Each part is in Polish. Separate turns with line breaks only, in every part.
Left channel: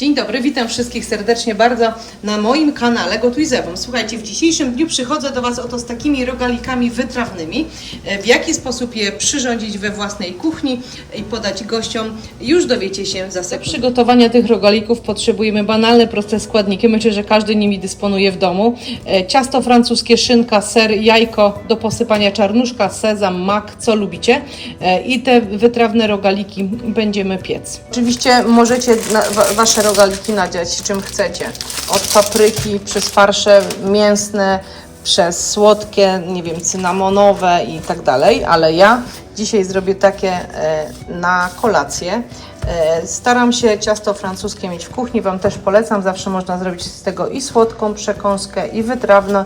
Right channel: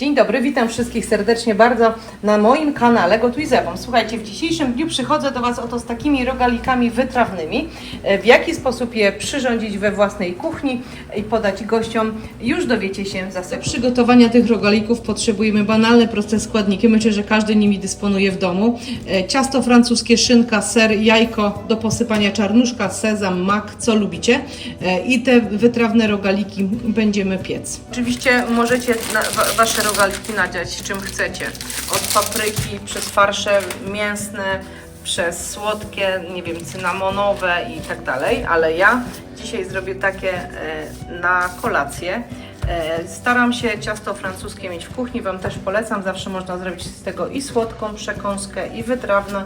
Dzień dobry, witam wszystkich serdecznie bardzo na moim kanale Gotuj z Ewą. Słuchajcie, w dzisiejszym dniu przychodzę do Was oto z takimi rogalikami wytrawnymi. E, W jaki sposób je przyrządzić we własnej kuchni i podać gościom, już dowiecie się za sekund. Do przygotowania tych rogalików potrzebujemy banalne, proste składniki. Myślę, że każdy nimi dysponuje w domu. E, Ciasto francuskie, szynka, ser, jajko do posypania czarnuszka, sezam, mak, co lubicie. E, I te wytrawne rogaliki będziemy piec. Oczywiście możecie na, wa, Rogaliki nadziać czym chcecie. Od papryki, przez farsze mięsne, przez słodkie, nie wiem, cynamonowe i tak dalej, ale ja dzisiaj zrobię takie e, na kolację. E, staram się ciasto francuskie mieć w kuchni, Wam też polecam, zawsze można zrobić z tego i słodką przekąskę, i wytrawną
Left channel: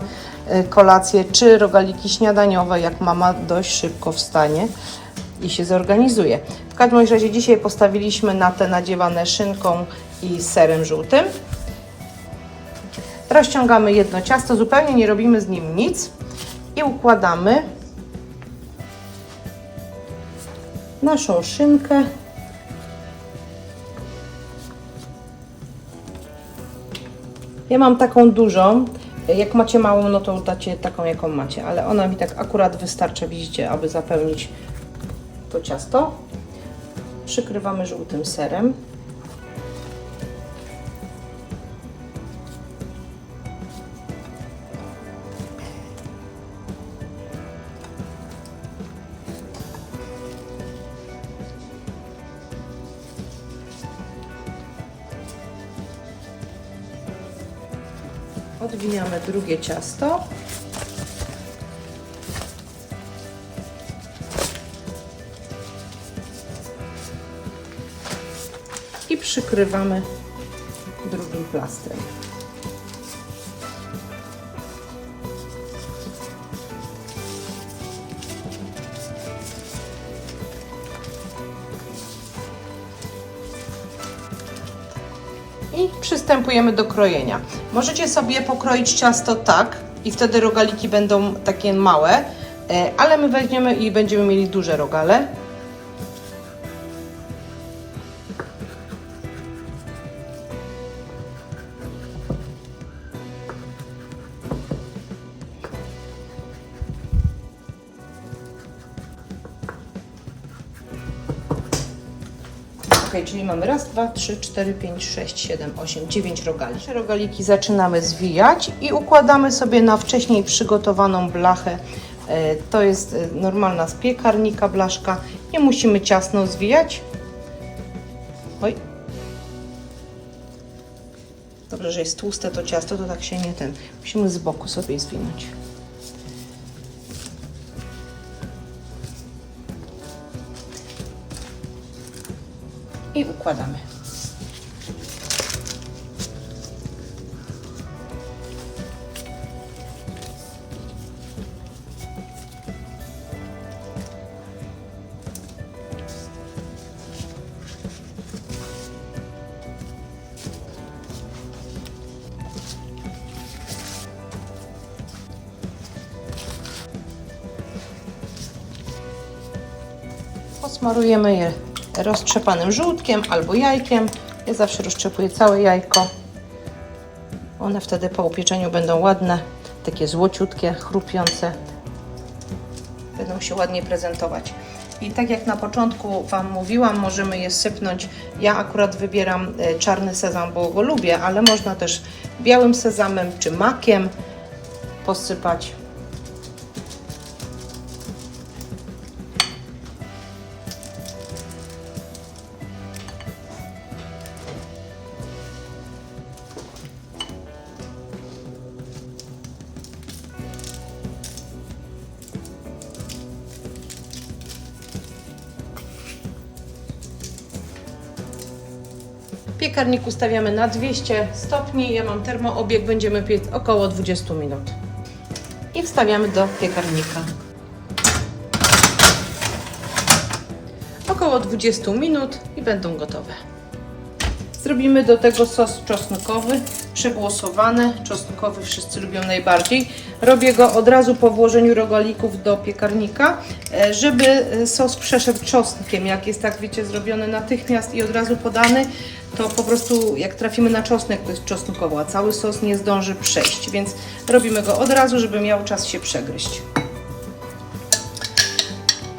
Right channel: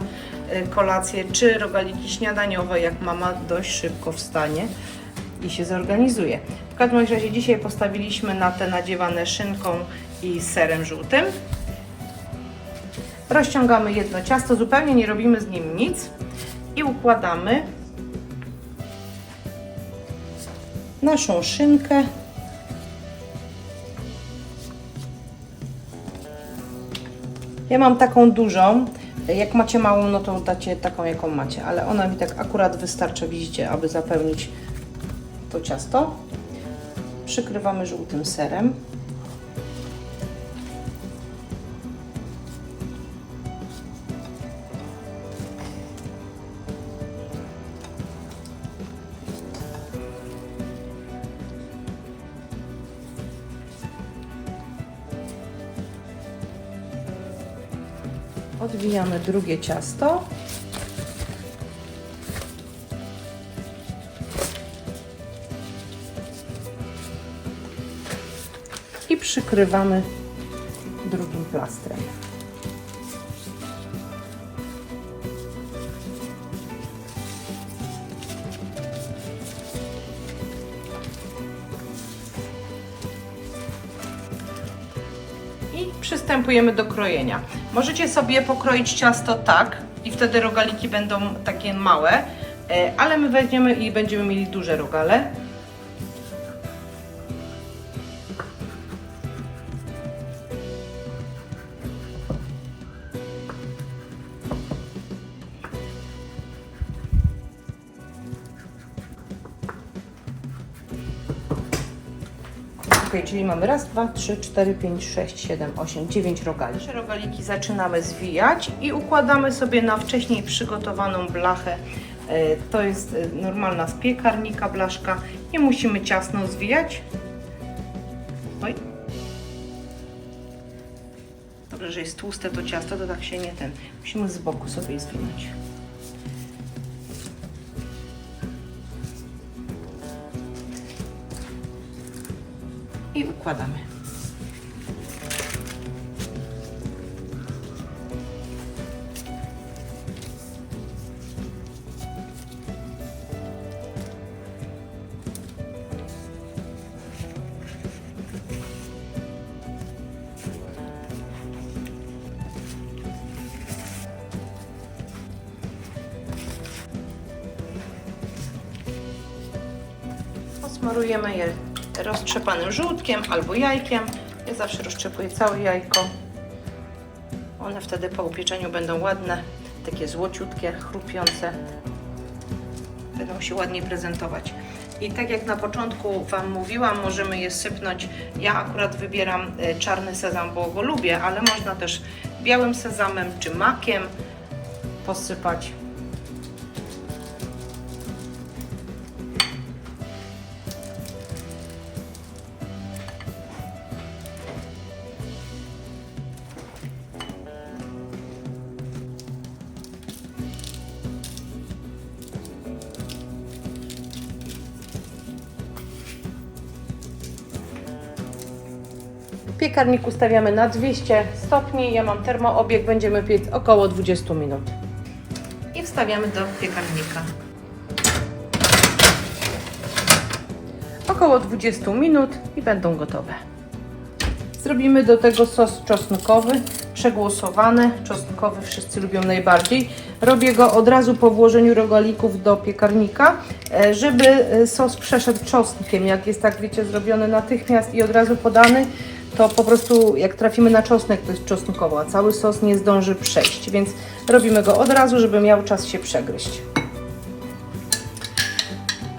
e, kolację, czy rogaliki śniadaniowe, jak mama dość szybko wstanie i się zorganizuje. W każdym razie dzisiaj postawiliśmy na te nadziewane szynką i serem żółtym. Rozciągamy jedno ciasto, zupełnie nie robimy z nim nic i układamy naszą szynkę. Ja mam taką dużą. Jak macie małą, no to dacie taką, jaką macie, ale ona mi tak akurat wystarcza, widzicie, aby zapełnić to ciasto. Przykrywamy żółtym serem. Odwijamy drugie ciasto. i przykrywamy drugim plastrem. I przystępujemy do krojenia. Możecie sobie pokroić ciasto tak i wtedy rogaliki będą takie małe, e, ale my weźmiemy i będziemy mieli duże rogale. Czyli mamy raz, dwa, trzy, cztery, pięć, sześć, siedem, osiem, dziewięć rogali. Rogaliki zaczynamy zwijać i układamy sobie na wcześniej przygotowaną blachę. E, To jest e, normalna z piekarnika blaszka. Nie musimy ciasno zwijać. Oj. Dobrze, że jest tłuste to ciasto, to tak się nie ten. Musimy z boku sobie zwinąć. I układamy. Posmarujemy je roztrzepanym żółtkiem albo jajkiem. Ja zawsze roztrzepuję całe jajko. One wtedy po upieczeniu będą ładne, takie złociutkie, chrupiące. Będą się ładnie prezentować. I tak jak na początku Wam mówiłam, możemy je sypnąć. Ja akurat wybieram e, czarny sezam, bo go lubię, ale można też białym sezamem czy makiem posypać. W piekarniku stawiamy na 200 stopni. Ja mam termoobieg, będziemy piec około 20 minut. I wstawiamy do piekarnika. Około 20 minut i będą gotowe. Zrobimy do tego sos czosnkowy, przegłosowany. Czosnkowy wszyscy lubią najbardziej. Robię go od razu po włożeniu rogalików do piekarnika, e, żeby e, sos przeszedł czosnkiem. Jak jest tak, wiecie, zrobiony natychmiast i od razu podany, to po prostu jak trafimy na czosnek, to jest czosnkowo, a cały sos nie zdąży przejść, więc robimy go od razu, żeby miał czas się przegryźć.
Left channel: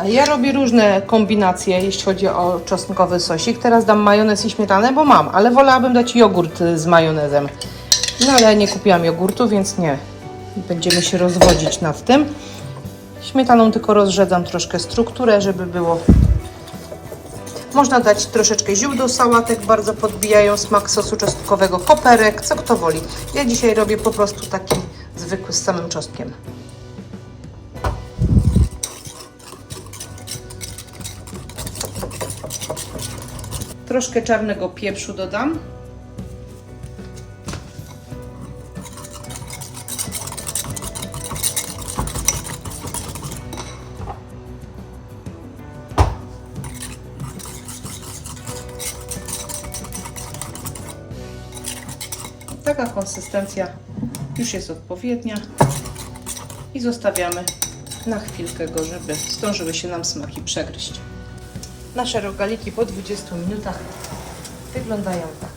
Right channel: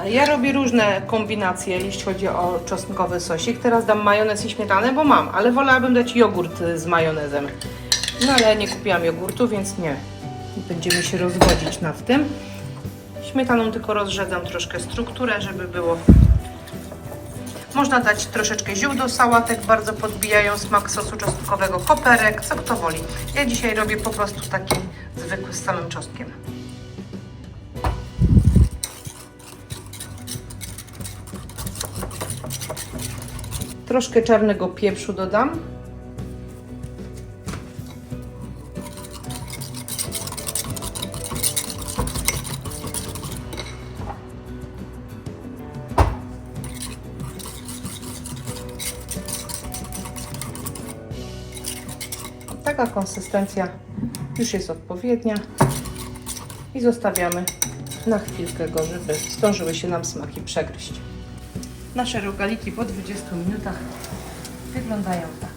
Ja robię różne kombinacje, jeśli chodzi o czosnkowy sosik. Teraz dam majonez i śmietanę, bo mam, ale wolałabym dać jogurt z majonezem. No ale nie kupiłam jogurtu, więc nie. Będziemy się rozwodzić nad tym. Śmietaną tylko rozrzedzam troszkę strukturę, żeby było można dać troszeczkę ziół do sałatek, bardzo podbijają smak sosu czosnkowego, koperek, co kto woli. Ja dzisiaj robię po prostu taki zwykły z samym czosnkiem. Troszkę czarnego pieprzu dodam. Taka konsystencja już jest odpowiednia i zostawiamy na chwilkę go, żeby zdążyły się nam smaki przegryźć. Nasze rogaliki po 20 minutach wyglądają tak.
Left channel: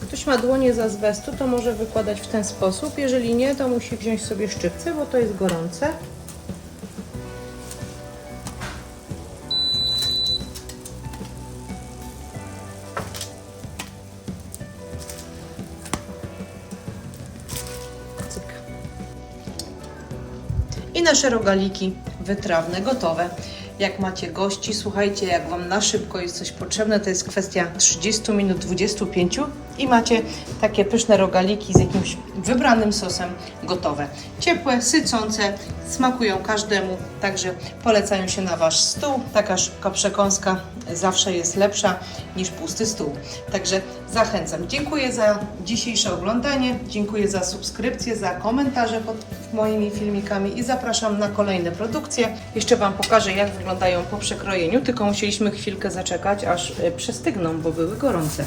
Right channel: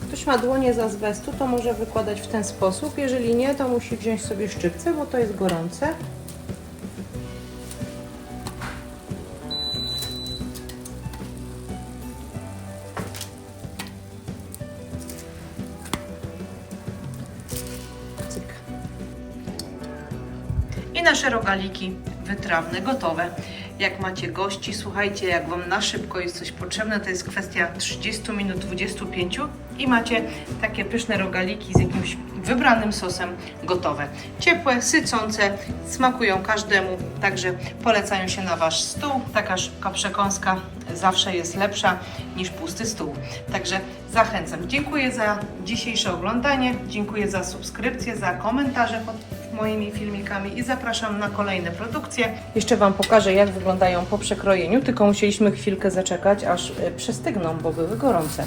Ktoś ma dłonie z azbestu, to może wykładać w ten sposób. Jeżeli nie, to musi wziąć sobie szczypce, bo to jest gorące. I nasze rogaliki wytrawne gotowe. Jak macie gości, słuchajcie, jak Wam na szybko jest coś potrzebne, to jest kwestia 30 minut, 25 i macie takie pyszne rogaliki z jakimś wybranym sosem gotowe. Ciepłe, sycące, smakują każdemu, także polecają się na Wasz stół. Taka szybka przekąska zawsze jest lepsza niż pusty stół. Także zachęcam. Dziękuję za dzisiejsze oglądanie, dziękuję za subskrypcję, za komentarze pod moimi filmikami i zapraszam na kolejne produkcje. Jeszcze Wam pokażę, jak wyglądają po przekrojeniu, tylko musieliśmy chwilkę zaczekać, aż y, przestygną, bo były gorące.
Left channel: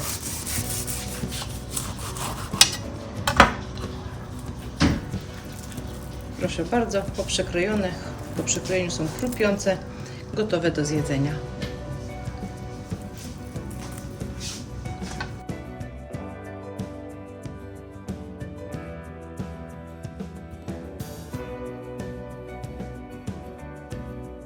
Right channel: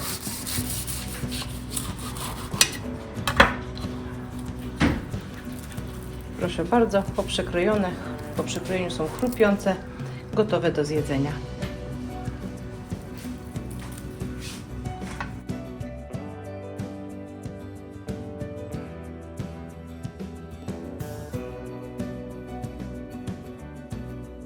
Proszę bardzo, po przekrojone, po przekrojeniu są chrupiące, gotowe do zjedzenia.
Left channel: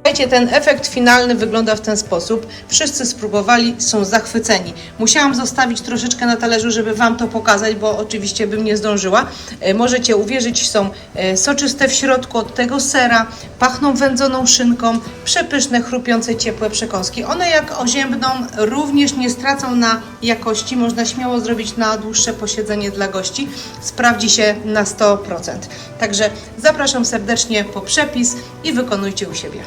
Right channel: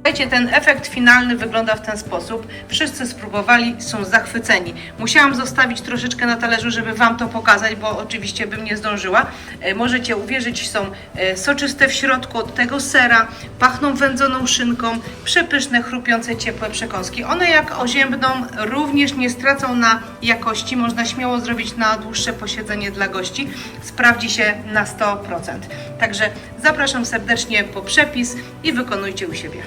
Słuchajcie, ten efekt finalny wygląda w ten sposób. Wszyscy spróbowali, są zachwyceni. Musiałam zostawić troszeczkę na talerzu, żeby Wam to pokazać, bo oczywiście bym nie zdążyła. E, Możecie uwierzyć, są e, soczyste w środku od tego sera, pachną wędzoną szynką, przepyszne, chrupiące, ciepłe przekąski. One jak oziębną również nie stracą na jakości. Można śmiało zrobić na dłuższe posiedzenie dla gości. Sprawdzi się na 100%. Także zapraszam serdecznie po przepis i wykonujcie u siebie.